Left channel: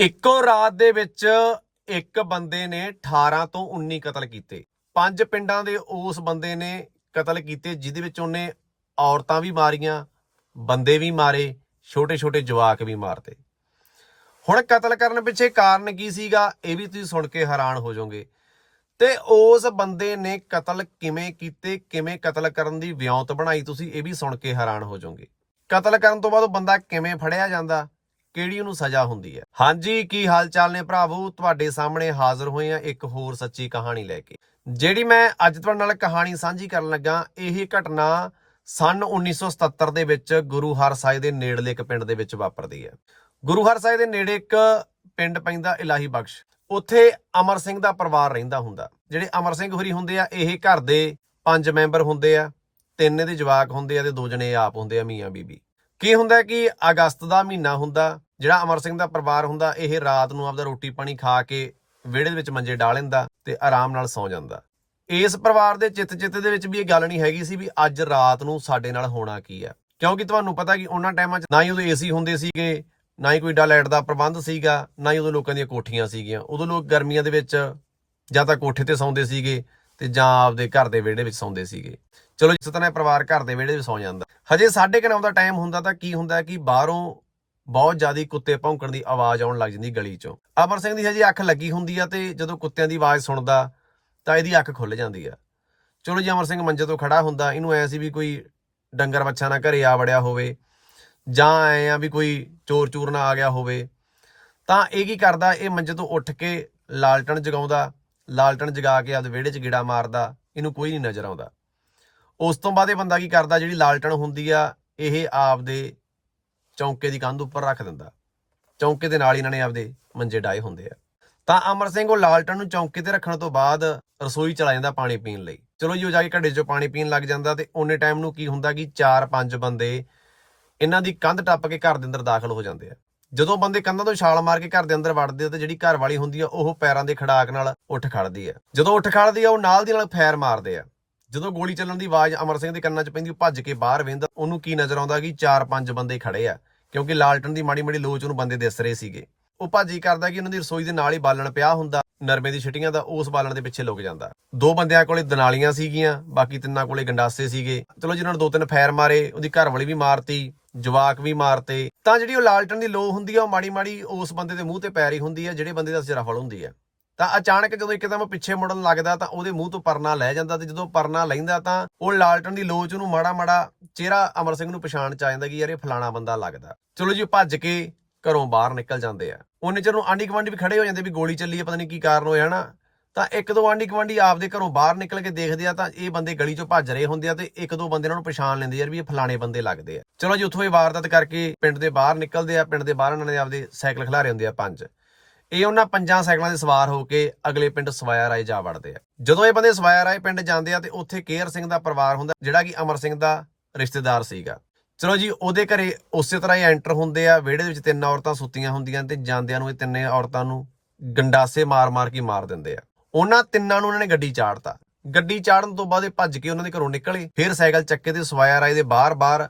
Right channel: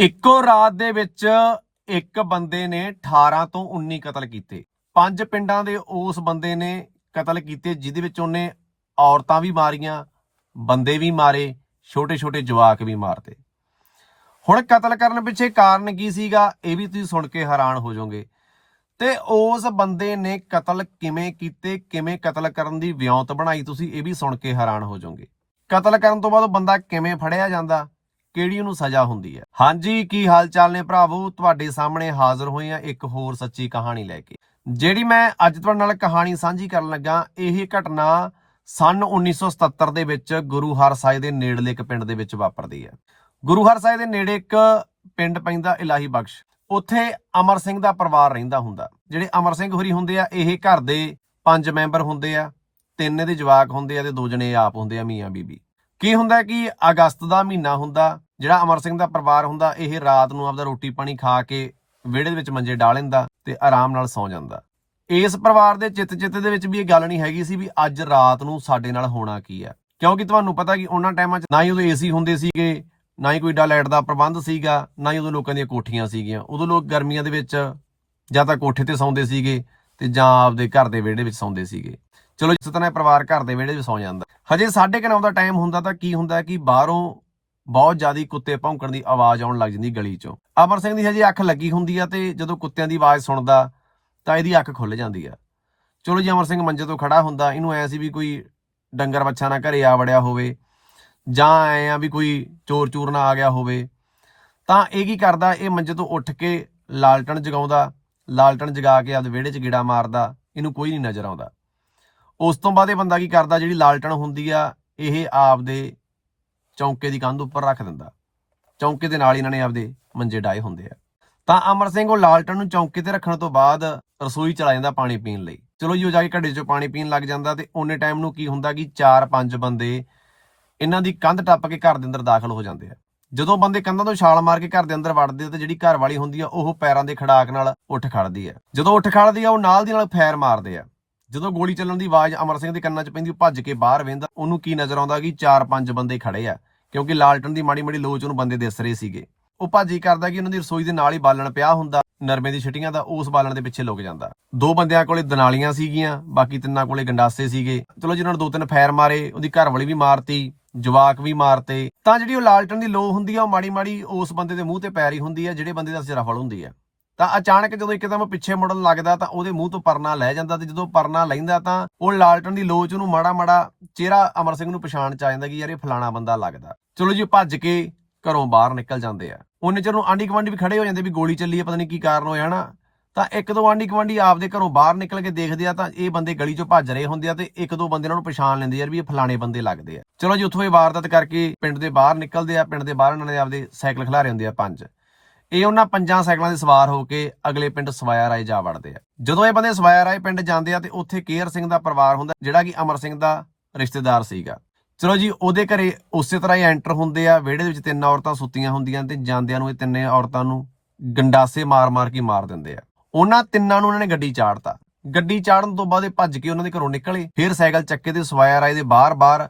ਇੱਕੋ ਰਾਤ ਦੇ ਵਿੱਚ ਇੱਕ ਬੰਦੇ ਨੇ 18 ਤੋਂ 19 ਕਤਲ ਕੀਤੇ। ਪੰਜ ਪਿੰਡਾਂ ਦੇ ਉਸ ਬੰਦੇ ਨੇ ਕਤਲ ਕੀਤੇ, ਜਿਹਦੇ ਵਿੱਚ ਉਹਨੇ ਔਰਤਾਂ ਵੀ ਮਾਰੀਆਂ, ਬੰਦੇ ਵੀ ਮਾਰੇ ਛੋਟੇ ਛੋਟੇ ਜਵਾਕ ਵੀ ਮਾਰਤੇ। ਹੁਣ ਕਤਲ ਕਰਨ ਪਿੱਛੇ ਕਾਰਨ ਕੀ ਸੀਗਾ, ਇਹ ਵੀ ਤੁਸੀਂ ਸੁਣ ਕੇ ਹੈਰਾਨ ਹੋ ਜਾਓਗੇ। ਤੇ ਉਸ ਬੰਦੇ ਨੇ ਕਤਲ ਕਿਵੇਂ ਕੀਤੇ, ਕਿਵੇਂ ਕਤਲ ਕਰਨ ਦੀ ਵਿਉਂਤ ਬਣਾਈ, ਤੁਸੀਂ ਇਹ ਵੀ ਸੁਣ ਕੇ ਹੈਰਾਨ ਹੋ ਜਾਓਗੇ। ਕਤਲ ਕਰਨ ਤੋਂ ਬਾਅਦ ਉਹ ਬੰਦਾ ਕਿਵੇਂ ਫੜਿਆ ਜਾਂਦਾ? ਕਿਹੜੀ ਉਹਨੂੰ ਸਜ਼ਾ ਹੁੰਦੀ ਹੈ? ਹਾਂਜੀ, ਕੀ ਹਾਲ ਚਾਲ ਨੇ ਭਰਾਵੋ? ਤੁਹਾਡੇ ਸਾਹਮਣੇ ਹਾਜ਼ਰ ਹੋਏ ਆ ਇੱਕ ਹੋਰ ਸੱਚੀ ਕਹਾਣੀ ਲੈ ਕੇ। ਜਿਹੜੀ ਮੈਂ ਅੱਜ ਤੁਹਾਡੇ ਨਾਲ ਕਹਾਣੀ ਸਾਂਝੀ ਕਰਨ ਲੱਗਾ, ਇਹ ਘਟਨਾ ਸਨ 1977 ਦੇ ਵਿੱਚ ਗੁਰੂ ਹਰ ਸਾਹਿਬ ਦੇ ਨੇੜਲੇ ਇੱਕ ਪਿੰਡ ਦੇ ਵਿੱਚ ਵਾਪਰਦੀ ਹੈ। ਗੁਰੂ ਹਰ ਸਾਹਿਬ ਦੇ ਨੇੜੇ ਇੱਕ ਪਿੰਡ ਪੈਂਦਾ ਇਲਾਹੀ ਬਖਸ਼। ਉੱਥੇ ਅਮਰ ਸਿੰਘ ਦਾ ਪਰਿਵਾਰ ਰਹਿੰਦਾ ਹੁੰਦਾ। ਜਿਹੜੇ ਅਮਰ ਸਿੰਘ ਹੋਰੀ ਹੁੰਦੇ ਆ, ਇਹ ਘਰ ਦੇ ਪੰਜ ਮੈਂਬਰ ਹੁੰਦੇ ਆ, ਤਿੰਨ ਇਹਦੇ ਜਵਾਕ ਹੁੰਦੇ ਆ ਤੇ ਦੋ ਜਣੇ ਆਪ ਹੁੰਦੇ ਆ, ਮੀਆਂ ਬੀਬੀ। ਕੀ ਹੁੰਦਾ ਕਿ ਅਗਸਤ ਦਾ ਮਹੀਨਾ ਹੁੰਦਾ, ਜਿਹੜਾ ਅਮਰ ਸਿੰਘ ਦਾ ਪਰਿਵਾਰ ਹੁੰਦਾ, ਇਹ ਰਾਤ ਨੂੰ ਆਪਦਾ ਰੋਟੀ ਪਾਣੀ ਖਾ ਕੇ ਵਿਹੜੇ ਦੇ ਵਿੱਚ ਮੰਜੇ ਡਾਹ ਲੈਂਦਾ ਤੇ ਆਰਾਮ ਨਾਲ ਸੌਂ ਜਾਂਦਾ। ਇਸ ਪਰਿਵਾਰ ਦੇ ਚਿੱਤ ਚਿੱਤ ਦੇ ਵਿੱਚ ਵੀ ਇਹ ਗੱਲ ਨਹੀਂ ਹੈਗੀ ਸੀ ਵੀ ਅੱਜ ਰਾਤ ਨੂੰ ਸਾਡੇ ਨਾਲ ਹੋਣਾ ਕੀ ਆ। ਕਿਉਂਕਿ ਤੁਹਾਨੂੰ ਪਤਾ ਕਿ ਉਹਨਾਂ ਟਾਈਮਾਂ 'ਚ ਨਾ ਹੀ ਉਦੋਂ ਏਸੀ ਹੁੰਦੇ ਸੀਗੇ, ਨਾ ਹੀ ਕੋਈ ਡਾ ਲਾਈਟ ਦਾ ਪ੍ਰਬੰਧ ਸੀਗਾ, ਨਾ ਹੀ ਉਦੋਂ ਲੋਕਾਂ ਦੀਆਂ ਕੋਠੀਆਂ ਸੀਗੀਆਂ। ਉਦੋਂ ਲੋਕ ਗਰਮੀਆਂ ਦੇ ਵਿੱਚ ਜਾਂ ਤਾਂ ਕੋਠੇ ਤੇ ਸੌਂਦੇ ਸੀਗੇ ਤੇ ਜਾਂ ਆਪਦੇ ਘਰ ਦੇ ਵਿਹੜੇ ਵਿੱਚ ਸੌਂਦੇ ਸੀਗੇ। ਚਲੋ ਜਿਸ ਤਰ੍ਹਾਂ ਪਰਿਵਾਰ ਘਰ ਦੇ ਵਿਹੜੇ ਵਿੱਚ ਸੌਂ ਜਾਂਦਾ। ਹਜੇ 9:30 ਦਾ ਟਾਈਮ ਹੁੰਦਾ ਤਾਂ ਕੀ ਹੁੰਦਾ ਕਿ ਬਾਹਰੋਂ ਬਹੁਤ ਜ਼ਿਆਦਾ ਕੁੱਤੇ ਭੌਂਕਣ ਦੀ ਆਵਾਜ਼ ਆਉਣ ਲੱਗ ਜਾਂਦੀ ਗਲੀ ਚੋਂ। ਅਮਰ ਸਿੰਘ ਦੀ ਹਜੇ ਅੱਖ ਲੱਗੀ ਹੁੰਦੀ ਆ ਤੇ ਜਦੋਂ ਕੁੱਤਿਆਂ ਦੀ ਆਵਾਜ਼ ਸੁਣਦਾ ਤਾਂ ਇਹਦੀ ਅੱਖ ਖੁੱਲ ਜਾਂਦੀ ਆ। ਚਲੋ ਜੀ, ਅਮਰ ਸਿੰਘ ਮੰਜੇ ਤੋਂ ਖੜਾ ਹੁੰਦਾ, ਇਹਨੂੰ ਐ ਸੀ ਵੀ ਕੋਈ ਡੰਗਰ ਬੱਚਾ ਨਾ ਘਰੇ ਆ ਵੜਿਆ ਹੋਵੇ ਜਾਂ ਐ ਆ ਵੀ ਕੋਈ ਚੋਰ ਚੂਰ ਨਾ ਆ ਗਿਆ ਹੋਵੇ। ਤਾਂ ਇਹ ਕੀ ਕਰਦਾ, ਇਹ ਮੰਜੇ ਤੋਂ ਉੱਠ ਕੇ ਲਾਲਟਣ ਜਗਾਉਂਦਾ, ਲਾਲਟਣ ਜਗਾ ਕੇ ਆਪਦੇ ਵਿਹੜੇ 'ਚ ਗੇੜਾ ਮਾਰਦਾ, ਇਹਨੂੰ ਕੋਈ ਨਹੀਂ ਨਜ਼ਰ ਆਉਂਦਾ। ਉਸ ਤੋਂ ਬਾਅਦ ਇਹ ਬੰਦਾ ਕੀ ਕਰਦਾ, ਜਿਹੜੀ ਲਾਲਟਣ ਹੁੰਦੀ ਆ, ਇਹ ਆਪਦੇ ਚੌਂਕੇ ਦੀ ਕੰਧ ਉੱਪਰ ਰੱਖ ਦਿੰਦਾ। ਚੌਂਕੇ ਦੇ ਨਾਲ ਇਹਨਾਂ ਨੇ ਆਪਦੇ ਮੰਜੇ ਡਾਏ ਹੁੰਦੇ ਆ। ਤਾਂ ਅਮਰ ਸਿੰਘ ਉਹ ਲਾਲਟਣ ਨੂੰ ਚੌਂਕੇ ਤੇ ਰੱਖਣ ਤੋਂ ਬਾਅਦ ਰਸੋਈ ਚਲਾ ਜਾਂਦਾ ਪਾਣੀ ਪੀਣ ਲਈ। ਚਲੋ ਜੀ, ਉਹ ਜਾ ਕੇ ਘੜੇ 'ਚੋਂ ਪਾਣੀ ਪੀਣ ਲੱਗ ਜਾਂਦਾ ਤੇ ਉਹਨੇ ਟਾਈਮ ਨੂੰ ਕੀ ਹੁੰਦਾ ਕਿ 4-5 ਬੰਦੇ ਇਹਨਾਂ ਦੀ ਕੰਧ ਟੱਪ ਕੇ ਘਰ ਦੇ ਅੰਦਰ ਦਾਖਲ ਹੋ ਜਾਂਦੇ ਆ। ਜਦੋਂ ਬੰਦੇ ਕੰਧਾਂ ਤੋਂ ਛਾਲ ਮਾਰ ਕੇ ਘਰ ਦੇ ਅੰਦਰ ਵੜਦੇ ਆ ਤੇ ਜਿਹੜੀ ਘਰ ਵਾਲੀ ਹੁੰਦੀ ਆ, ਉਹ ਪੈਰਾਂ ਦੇ ਖੜਾਕ ਨਾਲ ਉੱਠ ਖੜਦੀ ਆ। ਜਦੋਂ ਉੱਠ ਖੜਦੀ ਆ, ਉਹ ਨਾਲ ਦੀ ਨਾਲ ਫੈਰ ਮਾਰਦੇ ਆ। ਜਦੋਂ ਗੋਲੀ ਚੱਲਣ ਦੀ ਆਵਾਜ਼ ਅਮਰ ਸਿੰਘ ਦੇ ਕੰਨਾਂ 'ਚ ਪੈਂਦੀ, ਉਹ ਭੱਜ ਕੇ ਬਾਹਰ ਵੇਂਦਾ। ਉਹਨੂੰ ਕੀ ਨਜ਼ਰ ਆਉਂਦਾ ਕਿ 4-5 ਬੰਦੇ ਖੜੇ ਆ, ਕਿਉਂਕਿ ਲਾਲਟਨ ਦੀ ਮਾੜੀ ਮਾੜੀ ਲੋਚ ਉਹਨੂੰ ਬੰਦੇ ਦਿਸ ਰਹੇ ਸੀਗੇ। ਉਹ ਭੱਜ ਹੀ ਕਰਦਾ ਕਿ ਉਹਨਾਂ ਦੀ ਰਸੋਈ ਦੇ ਨਾਲ ਹੀ ਬਾਲਣ ਪਿਆ ਹੁੰਦਾ, ਨਰਮੇ ਦੀ ਛਟੀਆਂ ਦਾ ਉਸ ਬਾਲਣ ਦੇ ਪਿੱਛੇ ਲੁਕ ਜਾਂਦਾ। ਦੋ ਬੰਦਿਆਂ ਕੋਲੇ ਦਨਾਲੀਆਂ ਸੀਗੀਆਂ, ਬਾਕੀ ਤਿੰਨਾਂ ਕੋਲੇ ਗੰਡਾਸੇ ਸੀਗੇ। ਚਲੋ ਜਿਨ੍ਹਾਂ ਨੂੰ ਦੋ ਤਿੰਨ ਫੈਰ ਮਾਰੇ, ਉਹਦੀ ਘਰ ਵਾਲੀ ਵੀ ਮਾਰਤੀ, ਜਵਾਕ ਵੀ ਮਾਰਤੇ। ਤਾਂ ਜਿਹੜੀ ਉਹ ਲਾਲਟਨ ਦੀ ਲੋ ਹੁੰਦੀ ਆ, ਉਹ ਮਾੜੀ ਮਾੜੀ ਉਸ ਬੰਦੇ ਦੇ ਮੂੰਹ ਤੇ ਪੈ ਰਹੀ ਹੁੰਦੀ ਆ, ਜਿਹੜੇ ਬੰਦੇ ਦਾ ਸਿਰ ਫਲ ਹੁੰਦੀ ਆ। ਤਾਂ ਅਚਾਨਕ ਜਦੋਂ ਇੱਕਦਮ ਪਿੱਛੇ ਮੁੜਨ ਲੱਗਦਾ ਤਾਂ ਉਹਦੇ ਮੂੰਹ ਤੋਂ ਪਰਨਾ ਲੈ ਜਾਂਦਾ ਤੇ ਜਦੋਂ ਪਰਨਾ ਲੈਂਦਾ ਤਾਂ ਉਹ ਲਾਲਟਨ ਦੀ ਲੋਚ ਨੂੰ ਮਾੜਾ ਮਾੜਾ ਚਿਹਰਾ ਅਮਰ ਸਿੰਘ ਨੂੰ ਪਛਾਣ ਚ ਆ ਜਾਂਦਾ ਕਿ ਯਾਰ ਇਹ ਫਲਾਣਾ ਬੰਦਾ ਲੱਗਦਾ। ਚਲੋ ਜੀ ਉਹ ਭੱਜ ਕੇ ਘਰੋਂ ਬਾਹਰ ਨਿਕਲ ਜਾਂਦੇ ਆ। ਉਹਨੇ ਚਿਰ ਨੂੰ ਆਂਢੀ ਗੁਆਂਢੀ ਵੀ ਖੜੇ ਹੋ ਜਾਂਦੇ ਵੀ ਗੋਲੀ ਚੱਲੀ ਆ ਪਤਾ ਨਹੀਂ ਕੀ ਕਾਰਨ ਹੋਇਆ ਨਾ। ਤਾਂ ਇੱਕ ਦੋ ਆਂਢੀ ਗੁਆਂਢੀ ਆਪਦੇ ਘਰੋਂ ਬਾਹਰ ਨਿਕਲ ਕੇ ਦੇਖਦੇ ਆ ਤਾਂ ਇਹ ਬੰਦੇ ਗਲੀ ਚੋਂ ਭੱਜ ਰਹੇ ਹੁੰਦੇ ਆ ਤੇ ਇੱਕ ਦੋ ਬੰਦੇ ਇਹਨਾਂ ਨੂੰ ਪਛਾਣ ਲੈਂਦੇ ਯਾਰ ਵੀ ਇਹ ਫਲਾਣੇ ਬੰਦੇ ਲੱਗਦੇ ਆ। ਚਲੋ ਜੀ, ਉੱਥੋਂ ਇਹ ਵਾਰਦਾਤ ਕਰਕੇ ਪਿੰਡ ਦੇ ਬਾਹਰ ਨਿਕਲਦੇ ਆ, ਪਿੰਡ ਦੇ ਬਾਹਰ ਇਹਨਾਂ ਨੇ ਆਪਦੇ ਸਾਈਕਲ ਖਿਲਾਰੇ ਹੁੰਦੇ ਆ ਪੰਜ। ਇਹ ਉਹਨਾਂ ਪੰਜਾਂ ਸਾਈਕਲਾਂ ਦੇ ਸਵਾਰ ਹੋ ਕੇ ਅਗਲੇ ਪਿੰਡ ਸਵਾਇਆ ਰਾਏ ਜਾ ਵੜਦੇ ਆ। ਜਦੋਂ ਇਹ ਬੰਦੇ ਸਵਾਇਆ ਰਾਏ ਪਿੰਡ ਜਾਂਦੇ ਆ ਤੇ ਉੱਥੇ ਕੇਰ ਸਿੰਘ ਦਾ ਪਰਿਵਾਰ ਹੁੰਦਾ, ਜਿਹੜਾ ਕਿ ਅਮਰ ਸਿੰਘ ਦਾ ਰਿਸ਼ਤੇਦਾਰ ਸੀਗਾ। ਚਲੋ ਜੀ, ਉਹਦੇ ਘਰੇ ਉਸੇ ਤਰ੍ਹਾਂ ਹੀ ਐਂਟਰ ਹੁੰਦੇ ਆ, ਵਿਹੜੇ ਦੇ ਵਿੱਚ ਤਿੰਨ ਔਰਤਾਂ ਸੁੱਤੀਆਂ ਹੁੰਦੀਆਂ ਤੇ ਜਾਂਦਿਆਂ ਨੂੰ ਇਹ ਤਿੰਨੇ ਔਰਤਾਂ ਨੂੰ ਗੰਡਾਸੇ ਮਾਰ-ਮਾਰ ਕੇ ਮਾਰ ਦਿੰਦੇ ਆ। ਉਹਨਾਂ ਤਿੰਨਾਂ ਨੂੰ ਉਹਨਾਂ ਨੇ ਗੱਡੀ ਚਾੜਤਾ। ਗੱਡੀ ਚਾੜਨ ਤੋਂ ਬਾਅਦ ਇਹ ਭੱਜ ਕੇ ਉਹਨਾਂ ਦੇ ਘਰੋਂ ਨਿਕਲੇ। ਫਿਰ ਸਾਈਕਲ ਚੱਕੇ ਤੇ ਸਵਾਇਆ ਰਾਏ ਦੇ ਬਾਹਰ-ਬਾਹਰ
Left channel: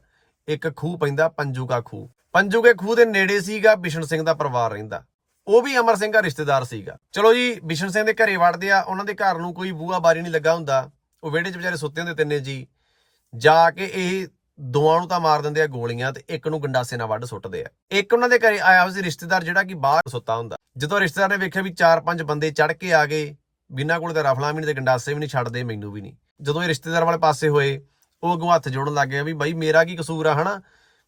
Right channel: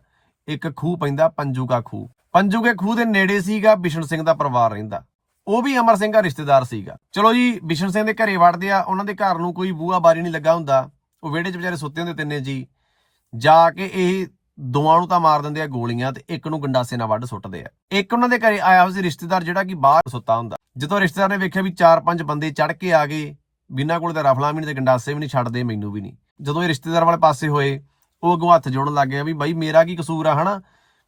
ਇੱਕ ਖੂਹ ਪੈਂਦਾ ਪੰਜੂਗਾ ਖੂਹ। ਪੰਜੂਗੇ ਖੂਹ ਦੇ ਨੇੜੇ ਸੀਗਾ, ਬਿਸ਼ਨ ਸਿੰਘ ਦਾ ਪਰਿਵਾਰ ਰਹਿੰਦਾ। ਉਹ ਵੀ ਅਮਰ ਸਿੰਘ ਦਾ ਰਿਸ਼ਤੇਦਾਰ ਸੀਗਾ। ਚਲੋ ਜੀ, ਬਿਸ਼ਨ ਸਿੰਘ ਦੇ ਘਰੇ ਵੜਦੇ ਆ, ਉਹਨਾਂ ਦੇ ਘਰ ਨੂੰ ਕੋਈ ਬੂਹਾ ਬਾਰੀ ਨਹੀਂ ਲੱਗਾ ਹੁੰਦਾ। ਉਹ ਵਿਹੜੇ 'ਚ ਵਿਚਾਰੇ ਸੁੱਤੇ ਹੁੰਦੇ ਤਿੰਨੇ ਜੀ। ਜਾ ਕੇ ਇਹ ਦੋਵਾਂ ਨੂੰ ਤਾਂ ਮਾਰ ਦਿੰਦੇ ਆ ਗੋਲੀਆਂ ਤੇ ਇੱਕ ਨੂੰ ਗੰਡਾਸੇ ਨਾਲ ਵੱਢ ਸੁੱਟਦੇ ਆ। ਇੱਕ ਉਹਨਾਂ ਦੇ ਘਰੇ ਆਇਆ ਹੋਇਆ ਸੀ ਰਿਸ਼ਤੇਦਾਰ ਜਿਹੜਾ ਕਿ ਬਾਹਰ ਸੁੱਤਾ ਹੁੰਦਾ। ਜਦੋਂ ਰਿਸ਼ਤੇਦਾਰ ਨੇ ਵੇਖਿਆ ਵੀ 4-5 ਬੰਦੇ ਚੜ ਕੇ ਆ ਗਏ, ਬਿਨਾਂ ਕੋਲ ਤਾਂ ਰਫਲਾਂ ਵੀ ਨਹੀਂ ਤੇ ਗੰਡਾਸੇ ਵੀ ਨਹੀਂ ਛੱਡਦੇ, ਮੈਨੂੰ ਵੀ ਨਹੀਂ। ਜਦੋਂ ਇਹ ਰਿਸ਼ਤੇਦਾਰ ਵਾਲੇ ਪਾਸੇ ਹੋਏ, ਉਹ ਅੱਗੋਂ ਹੱਥ ਜੋੜਨ ਲੱਗ ਗਿਆ ਵੀ ਬਾਈ ਮੇਰਾ ਕੀ ਕਸੂਰ ਆ, ਹਨਾ?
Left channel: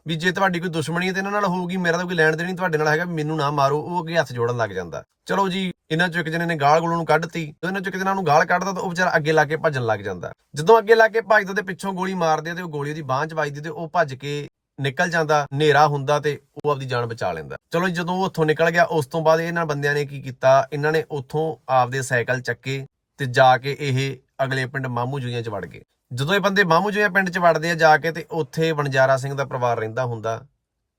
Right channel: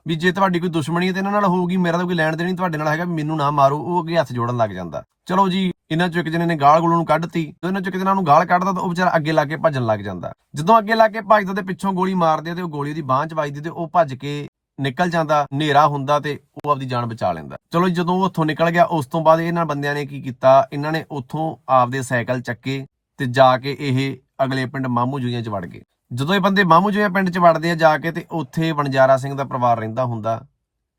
ਵੀ ਜੇ ਤੁਹਾਡੀ ਕੋਈ ਦੁਸ਼ਮਣੀ ਹੈ ਤੇ ਇਹਨਾਂ ਨਾਲ ਹੋਊਗੀ ਮੇਰਾ ਤਾਂ ਕੋਈ ਲੈਣ ਦੇਣ ਨਹੀਂ ਤੁਹਾਡੇ ਨਾਲ ਹੈਗਾ ਮੈਨੂੰ ਨਾ ਮਾਰੋ ਉਹ ਅੱਗੇ ਹੱਥ ਜੋੜਨ ਲੱਗ ਜਾਂਦਾ। ਚਲੋ ਜੀ ਇਹਨਾਂ ਚੋਂ ਇੱਕ ਜਣੇ ਨੇ ਗਾਲ ਗੋਲ ਨੂੰ ਕੱਢਤੀ ਤੇ ਇਹਨਾਂ ਚੋਂ ਇੱਕ ਜਣਾ ਨੂੰ ਗਾਲ ਕੱਢਦਾ ਤਾਂ ਉਹ ਵਿਚਾਰਾ ਅੱਗੇ ਲਾ ਕੇ ਭੱਜਣ ਲੱਗ ਜਾਂਦਾ। ਜਦੋਂ ਅੱਗੇ ਲਾ ਕੇ ਭੱਜਦਾ ਤੇ ਪਿੱਛੋਂ ਗੋਲੀ ਮਾਰਦੇ ਆ ਤੇ ਉਹ ਗੋਲੀ ਦੀ ਬਾਂਹ 'ਚ ਵੱਜਦੀ ਤੇ ਉਹ ਭੱਜ ਕੇ ਨਿਕਲ ਜਾਂਦਾ ਹਨੇਰਾ ਹੁੰਦਾ ਤੇ ਉਹ ਆਪਦੀ ਜਾਨ ਬਚਾ ਲੈਂਦਾ। ਚਲੋ ਜੀ, ਜਦੋਂ ਉਹ ਉੱਥੋਂ ਨਿਕਲ ਗਿਆ ਉਸ ਤੋਂ ਬਾਅਦ ਇਹਨਾਂ ਬੰਦਿਆਂ ਨੇ ਕੀ ਕੀਤਾ? ਇਹਨਾਂ ਨੇ ਉੱਥੋਂ ਆਪਦੇ ਸਾਈਕਲ ਚੱਕੇ ਤੇ ਜਾ ਕੇ ਇਹ ਅਗਲੇ ਪਿੰਡ ਮਾਮੂ ਜੂਈਆਂ 'ਚ ਵੜ ਗਏ। ਜਦੋਂ ਇਹ ਬੰਦੇ ਮਾਮੂ ਜੂਈਆਂ ਪਿੰਡ 'ਚ ਵੜਦੇ ਆ ਜਾ ਕੇ ਤੇ ਉੱਥੇ ਵਣਜਾਰਾ ਸਿੰਘ ਦਾ ਪਰਿਵਾਰ ਰਹਿੰਦਾ ਹੁੰਦਾ,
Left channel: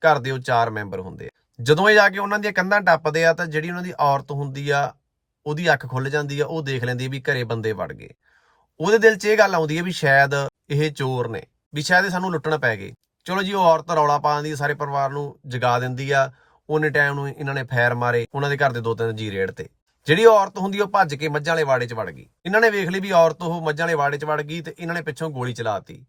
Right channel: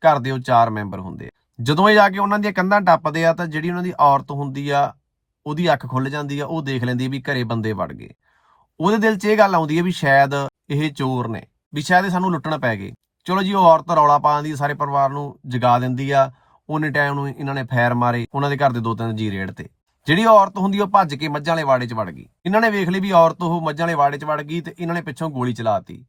ਘਰ ਦੇ ਉਹ ਚਾਰ ਮੈਂਬਰ ਹੁੰਦੇ ਆ। ਜਦੋਂ ਇਹ ਜਾ ਕੇ ਉਹਨਾਂ ਦੀਆਂ ਕੰਧਾਂ ਟੱਪਦੇ ਆ ਤਾਂ ਜਿਹੜੀ ਉਹਨਾਂ ਦੀ ਔਰਤ ਹੁੰਦੀ ਆ, ਉਹਦੀ ਅੱਖ ਖੁੱਲ ਜਾਂਦੀ ਆ, ਉਹ ਦੇਖ ਲੈਂਦੀ ਵੀ ਘਰੇ ਬੰਦੇ ਵੜ ਗਏ। ਉਹਦੇ ਦਿਲ 'ਚ ਇਹ ਗੱਲ ਆਉਂਦੀ ਹੈ ਵੀ ਸ਼ਾਇਦ ਇਹ ਚੋਰ ਨੇ, ਵੀ ਸ਼ਾਇਦ ਇਹ ਸਾਨੂੰ ਲੁੱਟਣ ਪੈ ਗਏ। ਚਲੋ ਜੀ, ਉਹ ਔਰਤ ਰੌਲਾ ਪਾ ਦਿੰਦੀ ਸਾਰੇ ਪਰਿਵਾਰ ਨੂੰ ਜਗਾ ਦਿੰਦੀ ਆ, ਉਹਨੇ ਟਾਈਮ ਨੂੰ ਇਹਨਾਂ ਨੇ ਫੈਰ ਮਾਰੇ, ਉਹਨਾਂ ਦੇ ਘਰ ਦੇ ਦੋ ਤਿੰਨ ਜੀ ਰੇੜ ਤੇ। ਜਿਹੜੀ ਔਰਤ ਹੁੰਦੀ ਉਹ ਭੱਜ ਕੇ ਮੱਝਾਂ ਵਾਲੇ ਵਾੜੇ 'ਚ ਵੜ ਗਈ। ਇਹਨਾਂ ਨੇ ਵੇਖ ਲਈ ਵੀ ਔਰਤ ਉਹ ਮੱਝਾਂ ਵਾਲੇ ਵਾੜੇ 'ਚ ਵੜ ਗਈ ਤੇ ਇਹਨਾਂ ਨੇ ਪਿੱਛੋਂ ਗੋਲੀ ਚਲਾਤੀ।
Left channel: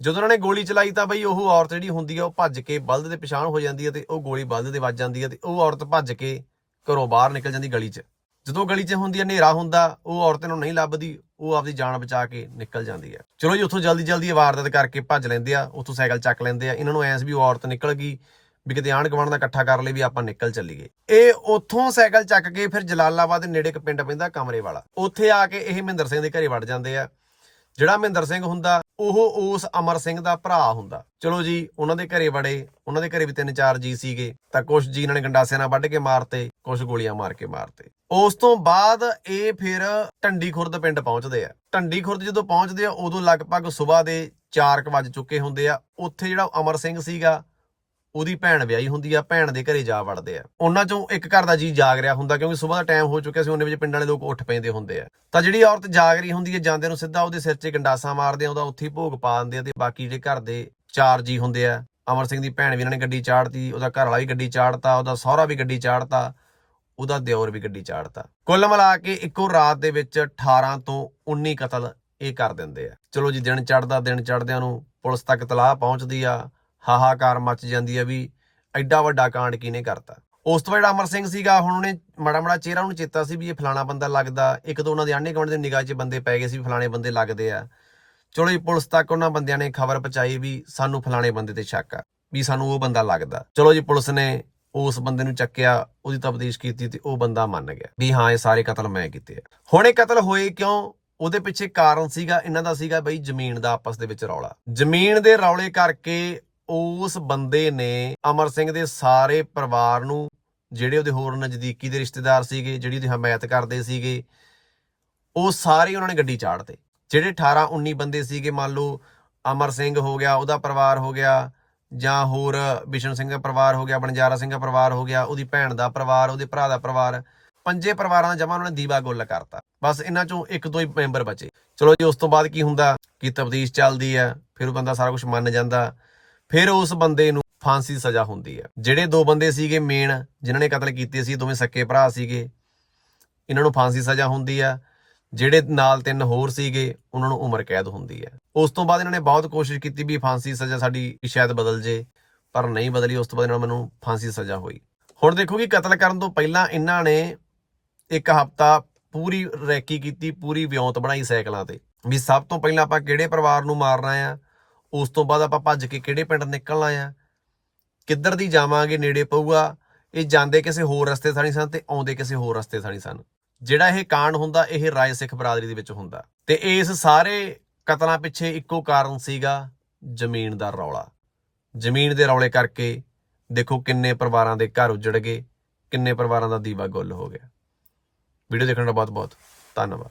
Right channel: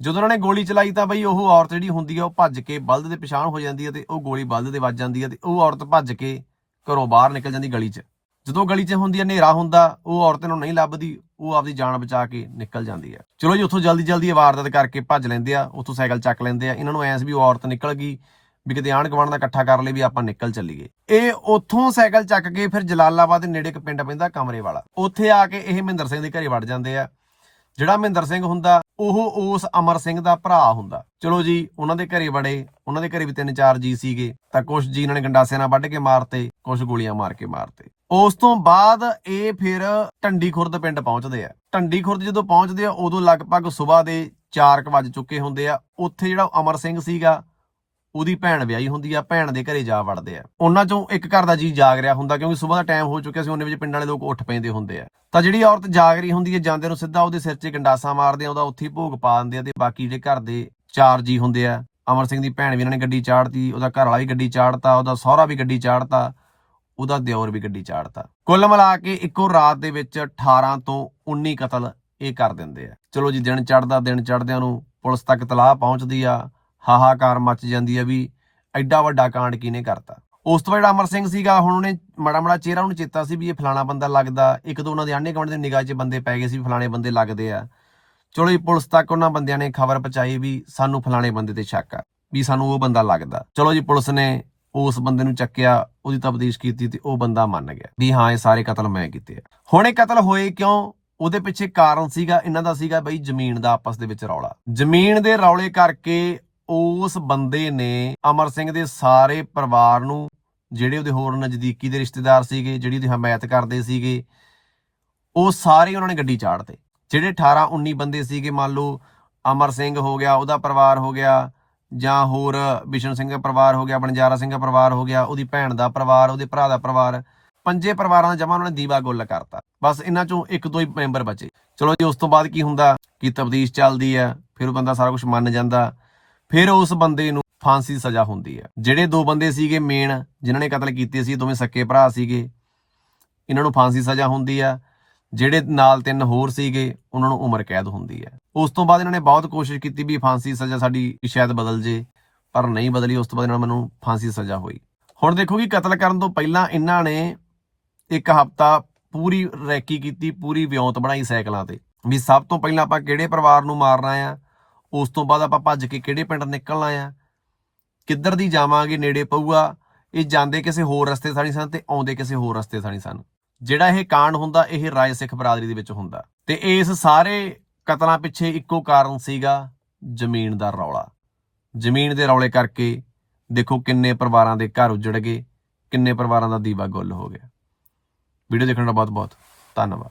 ਜਦੋਂ ਉਹਨਾਂ ਨੇ ਗੋਲੀ ਚਲਾਈ ਤਾਂ ਬਈ ਉਹ ਔਰਤ ਜਿਹੜੀ ਹੁੰਦੀ ਆ, ਉਹ ਭੱਜ ਕੇ ਬਲਦ ਦੇ ਪਛਾਣ ਹੋ ਜਾਂਦੀ ਹੈ ਤੇ ਉਹ ਗੋਲੀ ਬਲਦ ਦੇ ਵੱਜ ਜਾਂਦੀ ਹੈ ਤੇ ਉਹ ਔਰਤ ਭੱਜ ਕੇ ਘਰੋਂ ਬਾਹਰ ਨਿਕਲ ਜਾਂਦੀ ਗਲੀ 'ਚ। ਜਦੋਂ ਗਲੀ 'ਚ ਹੁੰਦੀ ਹੈ ਹਨੇਰਾ ਹੁੰਦਾ, ਉਹ ਔਰਤ ਨੂੰ ਨਹੀਂ ਲੱਭਦੀ, ਉਹ ਆਪਦੀ ਜਾਨ ਬਚਾ ਕੇ ਨਿਕਲ ਜਾਂਦੀ ਹੈ ਚਲੋ ਜੀ, ਉੱਥੋਂ ਜਲਦੀ ਜਲਦੀ ਇਹ ਵਾਰਦਾਤ ਕਰਕੇ ਭੱਜ ਲੈਂਦੇ ਆ, ਉੱਥੋਂ ਸਾਈਕਲ ਚੱਕ ਲੈਂਦੇ ਆ। ਇਹਨਾਂ ਨੂੰ ਐਸ ਵੀ ਔਰਤ ਨਿਕਲ ਗਈ ਵੀ ਕਿਤੇ ਆਂਢ ਗੁਆਂਢ ਦਾ ਇਕੱਠਾ ਕਰ ਲਈ ਵੀ ਆਪਾਂ ਨਿਕਲ ਚੱਲੀਏ। ਇਹ ਉੱਥੋਂ ਸਾਈਕਲ ਚੱਕ ਕੇ ਫਿਰ ਜਲਾਲਾਬਾਦ ਦੇ ਨੇੜੇ ਇੱਕ ਪਿੰਡ ਪੈਂਦਾ ਕਮਰੇ ਵਾਲਾ। ਉੱਥੇ ਆ ਕੇ ਇਹ ਮਹਿੰਦਰ ਸਿੰਘ ਦੇ ਘਰੇ ਵੜ ਜਾਂਦੇ ਆ। ਜਿਹੜਾ ਮਹਿੰਦਰ ਸਿੰਘ ਹੁੰਦਾ, ਉਹ ਉਸ ਅਮਰ ਸਿੰਘ ਦਾ ਭਰਾ ਹੁੰਦਾ। ਚਲੋ ਜੀ, ਉਹਨਾਂ ਦੇ ਘਰੇ ਵੜੇ, ਉਹਨਾਂ ਦੇ ਘਰੇ ਵੀ ਤਿੰਨ ਚਾਰ ਜੀ ਸੀਗੇ, ਤਾਂ ਕੁਝ ਜੀ ਇਹਨਾਂ ਨੇ ਗੰਡਾਸਿਆਂ ਨਾਲ ਵੱਢ ਕੇ ਮਾਰਤੇ ਕੁਝ ਗੋਲੀਆਂ ਮਾਰ ਕੇ ਮਾਰਤੇ। ਉਸ ਤੋਂ ਬਾਅਦ ਇਹ ਫਿਰ ਟੰਡੀ ਖੁਰਦ ਪਿੰਡ ਪਹੁੰਚਦੇ ਆ। ਟੰਡੀ ਖੁਰਦ ਜਦੋਂ ਪਹੁੰਚਦੇ ਆ, ਉਦੋਂ ਲਗਭਗ ਸਵੇਰ ਦੇ 4 ਵੱਜ ਚੁੱਕੇ ਹੁੰਦੇ ਆ। ਉੱਥੇ ਜਿਹੜਾ ਅਮਰ ਸਿੰਘ ਸੀਗਾ ਉਹਦੀ ਭੈਣ ਵਿਆਹੀ ਹੁੰਦੀ ਆ, ਭੈਣ ਦੇ ਘਰੇ ਜਾ ਵੜਦੇ ਆ। ਉਹਨਾਂ ਚੋਂ ਇੱਕ ਘਰ ਦਾ ਜੀ ਜਾਗ ਰਿਹਾ ਹੁੰਦਾ ਕਿਉਂਕਿ ਸਵੇਰ ਦਾ ਟਾਈਮ ਹੋ ਚੁੱਕਿਆ ਸੀ, ਉਹਨੇ ਵਿੱਚ ਪਿੰਡਾਂ ਵਾਲੇ ਲੋਕ ਉੱਠ ਪੈਂਦੇ ਹੁੰਦੇ ਆ। ਤਾਂ ਜਿਹੜੀ ਔਰਤ ਜਾਗ ਰਹੀ ਹੁੰਦੀ ਹੈ ਜਾਂਦੇ ਨੂੰ ਸਿੱਧਾ ਉਹਦੇ ਸਿਰ 'ਚ ਗੰਡਾਸਾ ਮਾਰਦੇ ਆ, ਉਹਦਾ ਉੱਥੇ ਹੀ ਭੋਗ ਪਾ ਦਿੰਦੇ ਆ ਤੇ ਬਾਕੀ ਜਿਹੜੇ ਘਰ ਦੇ ਚਾਰ ਜੀ ਹੁੰਦੇ ਆ, ਅਮਰ ਸਿੰਘ ਦੀ ਭੈਣ ਵੀ ਇਹਨਾਂ ਨੇ ਗੱਡੀ ਚਾੜਤੀ, ਉਹਦਾ ਘਰ ਵਾਲਾ ਵੀ ਗੱਡੀ ਚਾੜਤਾ, ਉਹਦਾ ਸਹੁਰਾ ਵੀ ਗੱਡੀ ਚਾੜਤਾ, ਉਹਦਾ ਦਿਓਰ ਵੀ ਗੱਡੀ ਚਾੜਤਾ। ਕੁੱਲ ਮਿਲਾ ਕੇ ਇੱਕੋ ਰਾਤ ਦੇ ਵਿੱਚ 18 ਤੋਂ 19 ਕਤਲ ਇਹ ਕਰ ਦਿੰਦੇ ਆ। ਚਲੋ ਜੀ, ਦਿਨ ਚੜਦਾ ਦਿਨ ਚੜਦਿਆਂ ਨੂੰ ਪੁਲਿਸ ਤੱਕ ਤਲਾਹ ਪਹੁੰਚਦੀ ਆ। ਹਾਹਾਕਾਰ ਮਚ ਜਾਂਦੀ ਹੈ ਵੀ ਐਡਾ ਵੱਡਾ ਕਾਂਡ ਕਿਹਨੇ ਕਰਤਾ? ਉਸ ਤੋਂ ਬਾਅਦ ਅਮਰ ਸਿੰਘ ਸੀਗਾ, ਹੁਣ ਉਹਨੇ ਮਾੜਾ ਮਾੜਾ ਚਿਹਰਾ ਉਹਨੂੰ ਚੇਤਾ ਸੀ ਵੀ ਇਹ ਫਲਾਣਾ ਬੰਦਾ ਲੱਗਦਾ। ਇੱਕ ਦੋ ਉਹਨਾਂ ਦੇ ਆਂਢੇ ਗੁਆਂਢ ਦੇ ਨਿਗਾਹ 'ਚ ਬੰਦੇ ਪੈ ਗਏ ਸੀ ਫਲਾਣੇ ਬੰਦੇ ਲੱਗਦੇ ਆ। ਚਲੋ ਜੀ, ਪੁਲਿਸ ਤੱਕ ਉਹਨਾਂ ਬੰਦਿਆਂ ਨੇ ਖਬਰ ਪਹੁੰਚਾਈ ਵੀ ਸਾਨੂੰ ਫਲਾਣੇ ਬੰਦੇ ਤੇ ਸ਼ੱਕ ਆ, ਵੀ ਸਾਨੂੰ ਉਹ ਬੰਦਾ ਲੱਗਦਾ। ਚਲੋ ਜੀ, ਪੁਲਿਸ ਨੇ ਉਸ ਬੰਦੇ ਨੂੰ ਚੱਕਿਆ, ਉਹਦੀ ਤਬਦੀਸ਼ ਕੀਤੀ ਤੇ ਉਹ ਬੰਦਾ ਮੰਨ ਗਿਆ ਵੀ ਹਾਂ, ਇਹ ਸਾਰੇ ਕਤਲ ਮੈਂ ਕੀਤੇ ਆ। ਹੁਣ ਇਹ ਕਤਲ ਹੋਏ ਕਿਉਂ? ਉਹਦੇ ਪਿੱਛੇ ਕਾਰਨ ਸੀਗਾ, ਇਹਨਾਂ ਦਾ ਸੀਗਾ ਬਈ ਜ਼ਮੀਨ ਦਾ ਆਪਸ ਦੇ ਵਿੱਚ ਰੌਲਾ। ਜ਼ਮੀਨ ਦੇ ਰੌਲੇ ਕਰਕੇ ਉਸ ਬੰਦੇ ਨੇ ਅਮਰ ਸਿੰਘ ਦੇ ਸਾਰੇ ਪਰਿਵਾਰ ਨੂੰ, ਜਿਹੜੇ ਉਹਦੇ ਹੋਰ ਨਜ਼ਦੀਕੀ ਦੇ ਰਿਸ਼ਤੇਦਾਰ ਸੀਗੇ, ਜਿਹੜੀ ਉਹਦੀ ਹਮਾਇਤ ਕਰਦੇ ਸੀਗੇ, ਉਹ ਸਾਰੇ ਉਹਨਾਂ ਨੇ ਗੱਡੀ ਚਾੜਤੇ ਜਿਹੜੇ 18 19 ਬੰਦੇ ਸੀਗੇ, ਮੰਨ ਲਓ, ਅਮਰ ਸਿੰਘ ਹੋ ਗਿਆ, ਉਹਦਾ ਪਰਿਵਾਰ ਹੋ ਗਿਆ, ਜਾਂ ਹੋਰ ਬਿਸ਼ਨ ਸਿੰਘ ਦਾ ਪਰਿਵਾਰ ਹੋ ਗਿਆ, ਬਣਜਾਰਾ ਸਿੰਘ ਦਾ ਪਰਿਵਾਰ ਹੋ ਗਿਆ, ਉਹਦੀ ਭੈਣ ਦਾ ਪਰਿਵਾਰ, ਉਹਦੇ ਭਰਾ ਦਾ ਪਰਿਵਾਰ, ਪੰਜੇ ਪਰਿਵਾਰਾਂ ਦਾ ਜਮਾ ਉਹਨਾਂ ਨੇ ਦੀਵਾ ਗੁੱਲ ਕਰਤਾ। ਬਸ ਇਹਨਾਂ ਚੋਂ ਇੱਕ ਦੋ ਹੀ ਮੈਂਬਰ ਬਚੇ। ਚਲੋ ਜੀ, ਉਸ ਤੋਂ ਬਾਅਦ ਕੀ ਹੁੰਦਾ? ਕਿ ਤਬਦੀਸ਼ ਚੱਲਦੀ ਹੈ, ਫਿਰ ਉਹ ਬੰਦਾ ਸਾਰਾ ਕੁਝ ਮੰਨ ਜਾਂਦਾ। ਫਿਰ ਉਸ ਬੰਦੇ ਨੂੰ ਫਾਂਸੀ ਸਜ਼ਾ ਹੁੰਦੀ ਹੈ। ਜਿਹੜੇ ਦੋ ਬੰਦੇ ਸੀਗੇ ਮੇਨ ਜਿਨ੍ਹਾਂ ਨੇ ਕਤਲ ਕੀਤੇ ਸੀ, ਦੋਵੇਂ ਸੱਕੇ ਭਰਾ ਸੀਗੇ, ਇਹਨਾਂ ਨੂੰ ਫਾਂਸੀ ਸਜ਼ਾ ਹੁੰਦੀ ਆ ਜਿਹੜੇ ਨਾਲ ਤਿੰਨ ਹੋਰ ਸੀਗੇ, ਉਹਨਾਂ ਨੂੰ ਉਮਰ ਕੈਦ ਹੁੰਦੀ ਹੈ। ਉਸ ਤੋਂ ਬਾਅਦ ਇਹਨਾਂ ਨੇ ਬਹੁਤ ਕੋਸ਼ਿਸ਼ ਕੀਤੀ ਵੀ ਫਾਂਸੀ ਸਜ਼ਾ ਸਾਡੀ ਸ਼ਾਇਦ ਬਦਲ ਜੇ, ਪਰ ਨਹੀਂ ਬਦਲੀ। ਉਸ ਤੋਂ ਬਾਅਦ ਇਹਨਾਂ ਨੂੰ ਮੈਨੂੰ ਫਾਂਸੀ ਸਜ਼ਾ ਹੋਈ। ਹੁਣ ਦੇਖੋ ਕਿ ਕਤਲ ਕਰਨ ਤੋਂ ਪਹਿਲਾਂ ਇਹਨਾਂ ਨੇ ਇੱਕ ਹਫਤਾ ਪੂਰੀ ਰੈਕੀ ਕੀਤੀ, ਪੂਰੀ ਵਿਉਂਤ ਬਣਾਈ ਸਾਈਕਲਾਂ ਤੇ। ਵੀ ਸਭ ਤੋਂ ਪਹਿਲਾਂ ਆਪਾਂ ਕਿਹੜੇ ਪਰਿਵਾਰ ਨੂੰ ਮਾਰਨਾ ਆ? ਉਸ ਤੋਂ ਬਾਅਦ ਆਪਾਂ ਭੱਜ ਕੇ ਕਿਹੜੇ ਪਿੰਡ ਨਿਕਲਣਾ ਆ ਕਿੱਧਰ ਦੀ ਜਾਵਾਂਗੇ, ਨੇੜੇ ਪਊਗਾ? ਇਹ ਜਾਂਦੇ ਕਿਸੇ ਹੋਰ ਰਸਤੇ ਥਾਣੀ ਸਨ ਤੇ ਆਉਂਦੇ ਕਿਸੇ ਹੋਰ ਰਸਤੇ ਥਾਣੀ ਸਨ। ਜਿਹੜਾ ਇਹ ਕਾਂਡ ਹੁੰਦਾ, ਇਹ ਰਾਏ ਸਿੱਖ ਬਰਾਦਰੀ ਦੇ ਵਿੱਚ ਹੁੰਦਾ। ਤੇ ਇਸ ਸਾਰੇ ਕਤਲਾਂ ਪਿੱਛੇ ਇੱਕੋ ਕਾਰਨ ਸੀਗਾ ਜ਼ਮੀਨ ਦਾ ਰੌਲਾ। ਜ਼ਮੀਨ ਦੇ ਰੌਲੇ ਕਰਕੇ ਦੇਖੋ ਕਿੰਨੇ ਪਰਿਵਾਰਾਂ ਦੇ ਘਰ ਉਜੜ ਗਏ, ਕਿੰਨੇ ਪਰਿਵਾਰਾਂ ਦਾ ਦੀਵਾ ਗੁੱਲ ਹੋ ਗਿਆ। ਵੀਡੀਓ ਦੇਖਣ ਦਾ ਬਹੁਤ ਬਹੁਤ ਧੰਨਵਾਦ।